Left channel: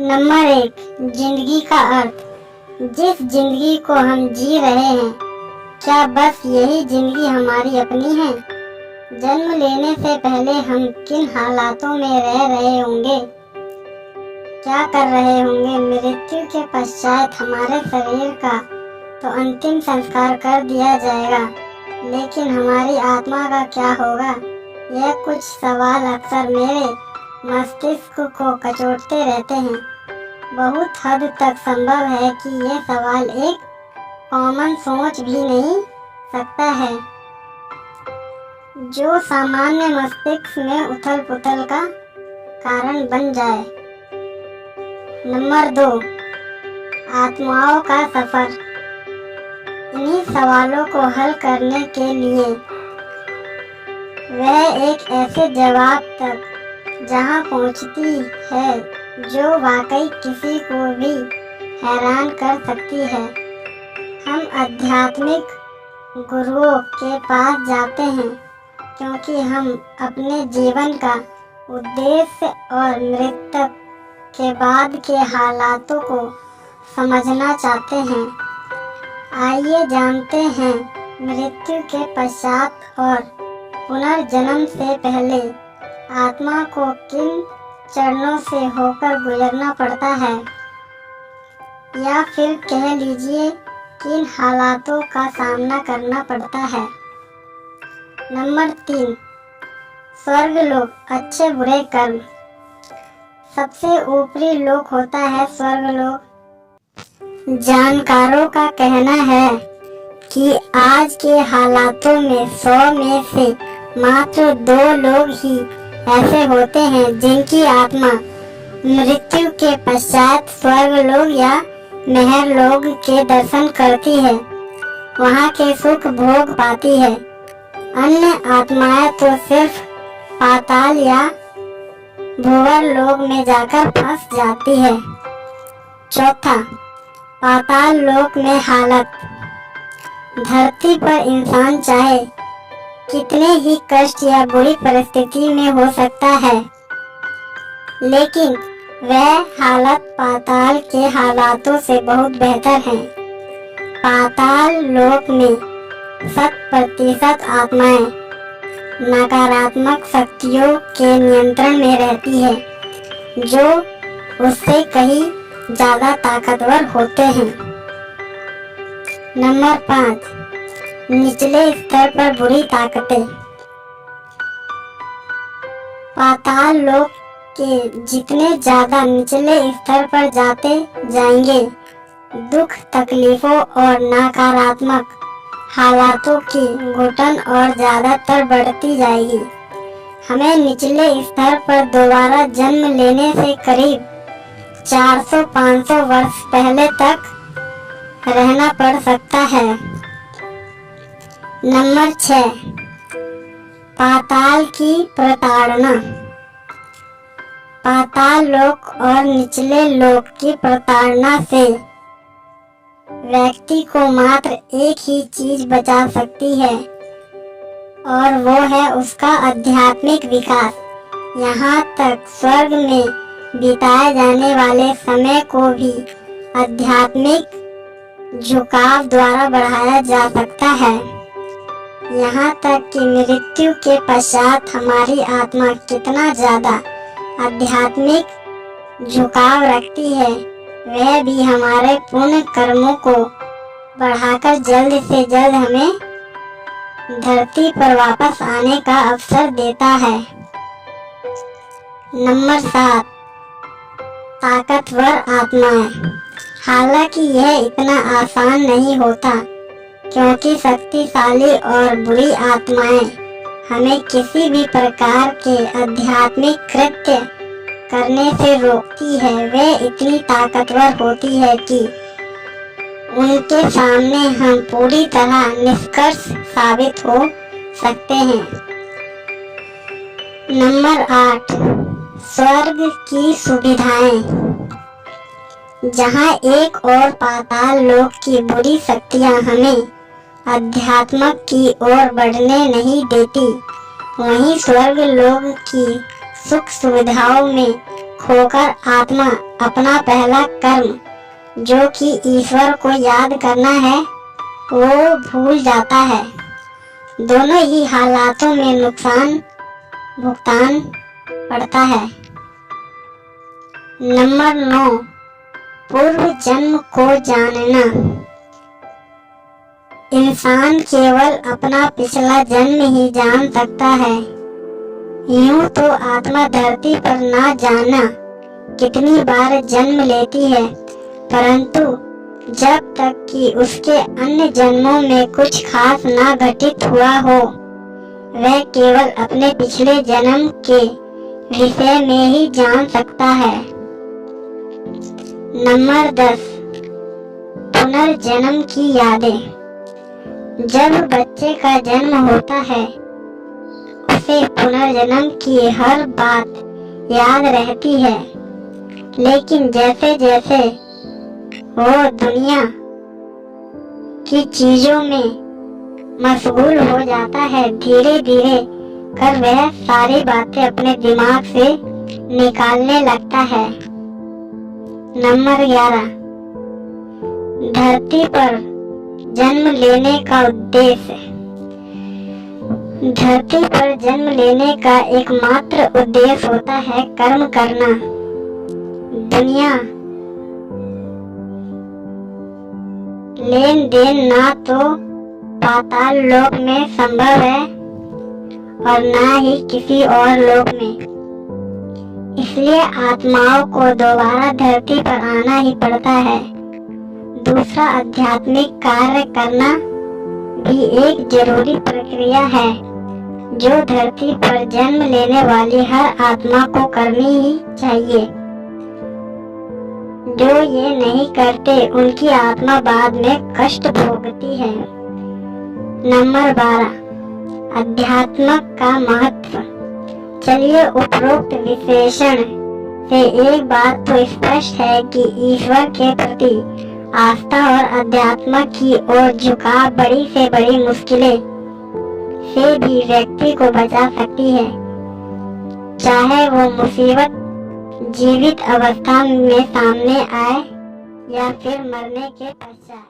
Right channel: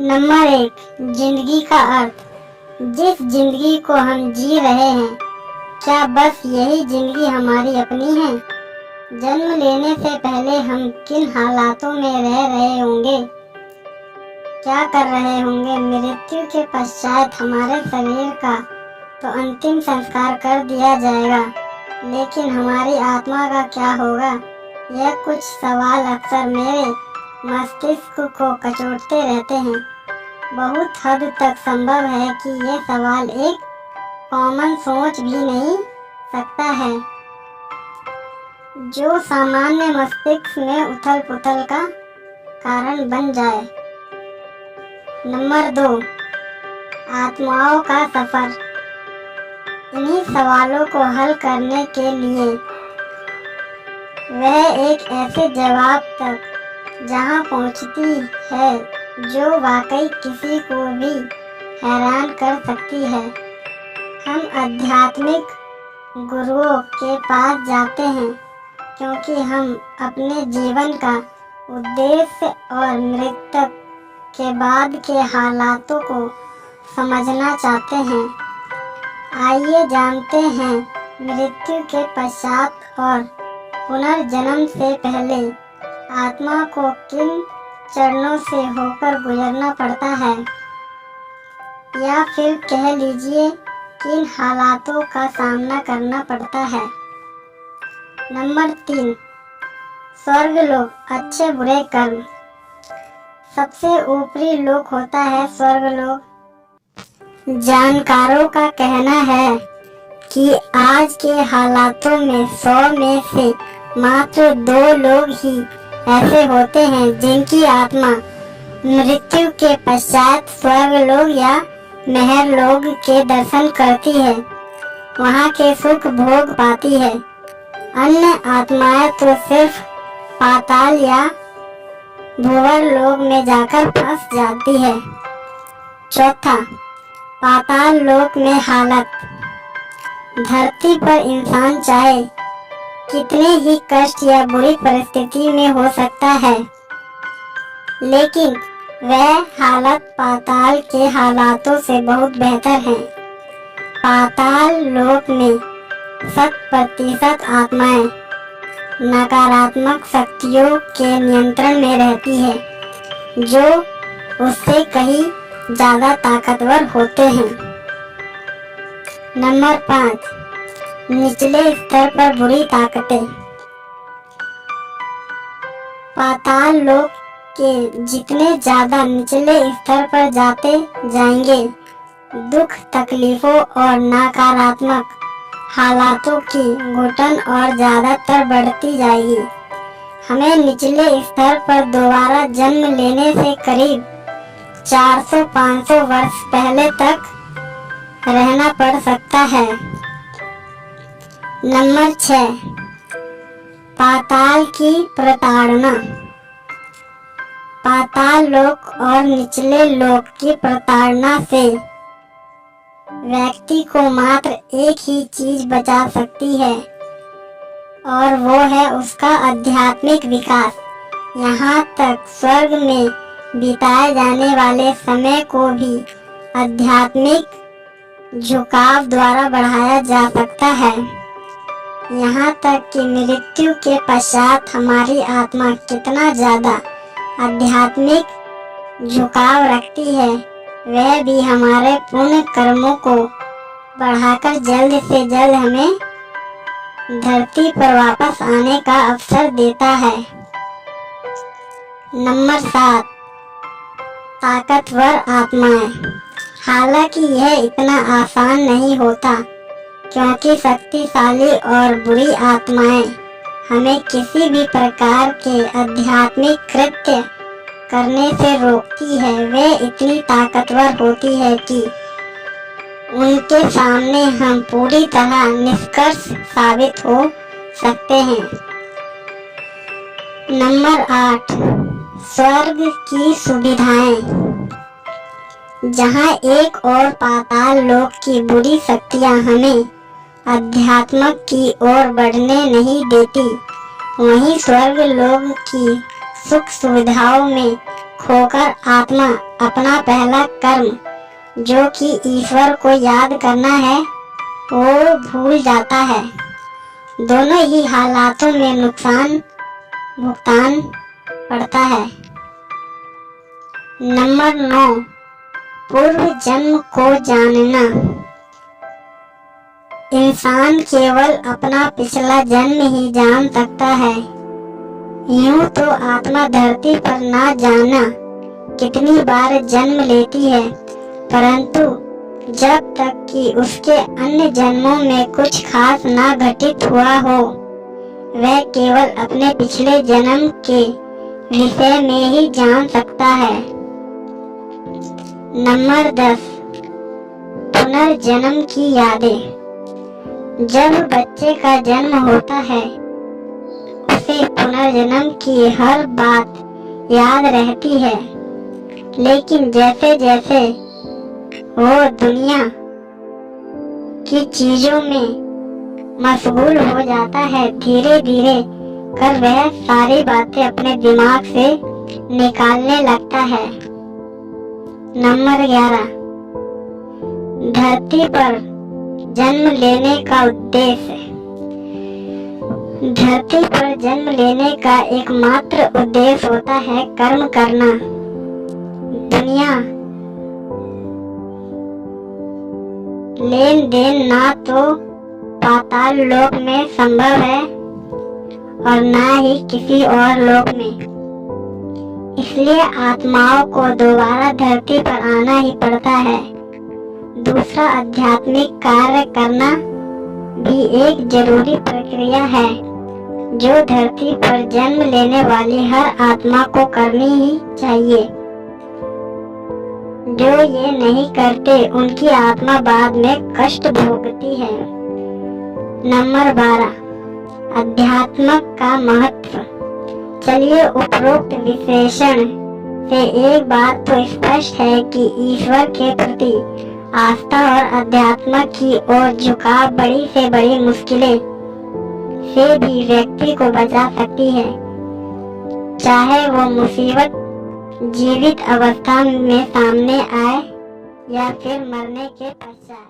Number 1, जिंदगी का अर्थ। जिस जिंदगी को हम जी रहे हैं, क्या बस यही जिंदगी हमारी अपनी है? जन्म लेने से पहले हम किन हालातों में रह रहे होंगे, क्या कर रहे होंगे? मृत्यु के पश्चात हमारे शरीर का तो अंतिम संस्कार कर दिया जाएगा, लेकिन हमारी आत्मा का क्या होगा? यह कुछ सवाल अक्सर मेरे मस्तिष्क को कचोटते रहते हैं। बहुत हद तक संभव है कि यह सवाल एक कॉमन सोच भी नहीं सकता है, जो सामान्य मस्तिष्क में उथल पुथल का कारण बन जाए। नंबर 2, आत्माओं का सफर। इन्हीं सवालों को हल करने के लिए वह एक ऐसे जवाब तक जहां पहुंचती है जो वाकई किसी को भी हैरान कर सकती है। हम आध्यात्मिक गुरुओं के पास जाते हैं क्योंकि हम अपने जीवन का उद्देश्य और मृत्यु के बाद के हालातों को समझना चाहते हैं। आइए जानते हैं, मृत्यु के पश्चात और पुनर्जन्म से पहले आत्मा को किन चरणों से होकर गुजरना पड़ता है, या फिर कह लीजिए किन हालातों का सामना करना पड़ता है। नंबर 3, स्वर्गलोक, अच्छे बुरे कर्म। सबसे ऊपरी लोक होता है स्वर्गलोक। जानकारों का कहना है कि आज के हालातों में 100 में से मात्र 2 लोग ही ऐसे होते हैं जिनकी आत्मा मृत्यु के पश्चात स्वर्गलोक या महरलोक के दर्शन करती है, वहाँ के सुख भोग पाती है। अन्य आत्माएं तो सिर्फ पाताल या भूवर लोक में जाकर फंस जाती है। चौथा, पाताल लोक में हालत। धरती पर इंसान चाहे कितने ही कष्ट या बुरी परिस्थिति में हो सकता है, लेकिन वह हालत पाताल के हालातों से बहुत बेहतर है। पाताल लोक में 100% आत्माएं नकारात्मक शक्तियों के नियंत्रण में रहती है, जो उससे कहीं ज़्यादा ताकतवर होते हैं। नंबर 5, निचले स्तर पर बुरी ताकतें। पाताल लोक के जितने ज़्यादा निचले स्तर पर जाते जाएंगे, दुख, तकलीफों और नकारात्मक हालातों की घुटन और ज़्यादातर बढ़ती जाएगी। हमें निचले स्तर पर दोबारा जन्म लेने से करीब 400-500 वर्ष पहले तक रहना पड़ सकता है। नंबर 6, पाताल की प्रताड़ना। पाताल लोक और निचले लोक की प्रताड़ना से व्यक्ति को मात्र एक ही चीज बचा सकती है, और वो है उसका आध्यात्मिक विकास। यहाँ तक स्वर्ग में बिताए जाने वाले समय को भी आध्यात्मिक झुकाव द्वारा बढ़ाया जा सकता है। यहाँ तक कि मृत्यु के पश्चात हमारी आत्मा कितना ज़्यादा आध्यात्मिक झुकाव रखती है, वह भी हमारे पुण्य कर्मों को बढ़ाकर जल्द से जल्द हमें धरती पर वापस आने का अवसर देता है। नंबर 7, ताकतवर आत्माएं। हालांकि यह इतना आसान नहीं होता, क्योंकि शक्तिशाली और बुरी आत्माएं हमें किसी भी प्रकार के आध्यात्मिक कृत्य करने से रोकती है। वे इतनी ताकतवर होती है कि उनके सामने हम पूरी तरह निष्कर्ष साबित हो सकते हैं। नंबर 8, स्वर्ग की सुविधाएं। जहां एक और पाताल लोक की बुरी शक्तियां हमें अध्यात्म की ओर बढ़ने नहीं देती, वहीं स्वर्ग लोक की सुख सुविधाओं में खोकर आत्मा अपना पहला कर्म, जो कि ईश्वर को याद करना है, वो भूल जाता है। दोनों ही हालातों में नुकसान भुगतान पड़ता है। नंबर 9, पूर्व जन्म को जानना। इंसान केवल अपना पिछला जन्म ही जान सकता है। यूं तो आत्मा धरती पर ना जाना कितनी बार जन्म लेती है, परंतु जब तक कि उसके अन्य जन्मों में कुछ खास ना घटित हुआ हो, वह केवल अपने पिछले जन्म के विषय में ही जान सकता है। नंबर 10, पुनर्जन्म की यादें। जब बच्चे का जन्म होता है, उसे पुनर्जन्म की हर बात याद रहती है, लेकिन जैसे जैसे वो दुनिया की चीजों में मशगूल हो जाता है, धीरे धीरे कर वह सारी बातें अपने दिमाग से निकालने लगता है। नंबर 11, धरती पर जन्म लेने का उद्देश्य। धरती पर जन्म लेने का एकमात्र उद्देश्य होता है कर्म करना। दुनिया लेन देन ना तो पाताल लोक में संभव है और ना ही किसी और लोक में, इसलिए आत्माओं को दोबारा धरती पर आना ही पड़ता है। दूसरा, आध्यात्मिक कार्य करना भी एक जरूरी प्रक्रिया है, जो धरती पर जन्म लेने वाली हर आत्मा को करनी ही चाहिए। जो ये नहीं करते, उनकी आत्मा बाद में कष्ट भोगती है। नंबर 12, अध्यात्म का महत्व। चलिए, उपरोक्त विश्लेषण से एक बात तो स्पष्ट है कि ईश्वर के प्रति आस्था और अध्यात्म की ओर झुकाव बड़ी से बड़ी मुश्किलें से भी व्यक्ति को बचा सकती है, चाहे वो मुसीबत जीवित अवस्था में सामने आए या फिर मरने के पश्चात।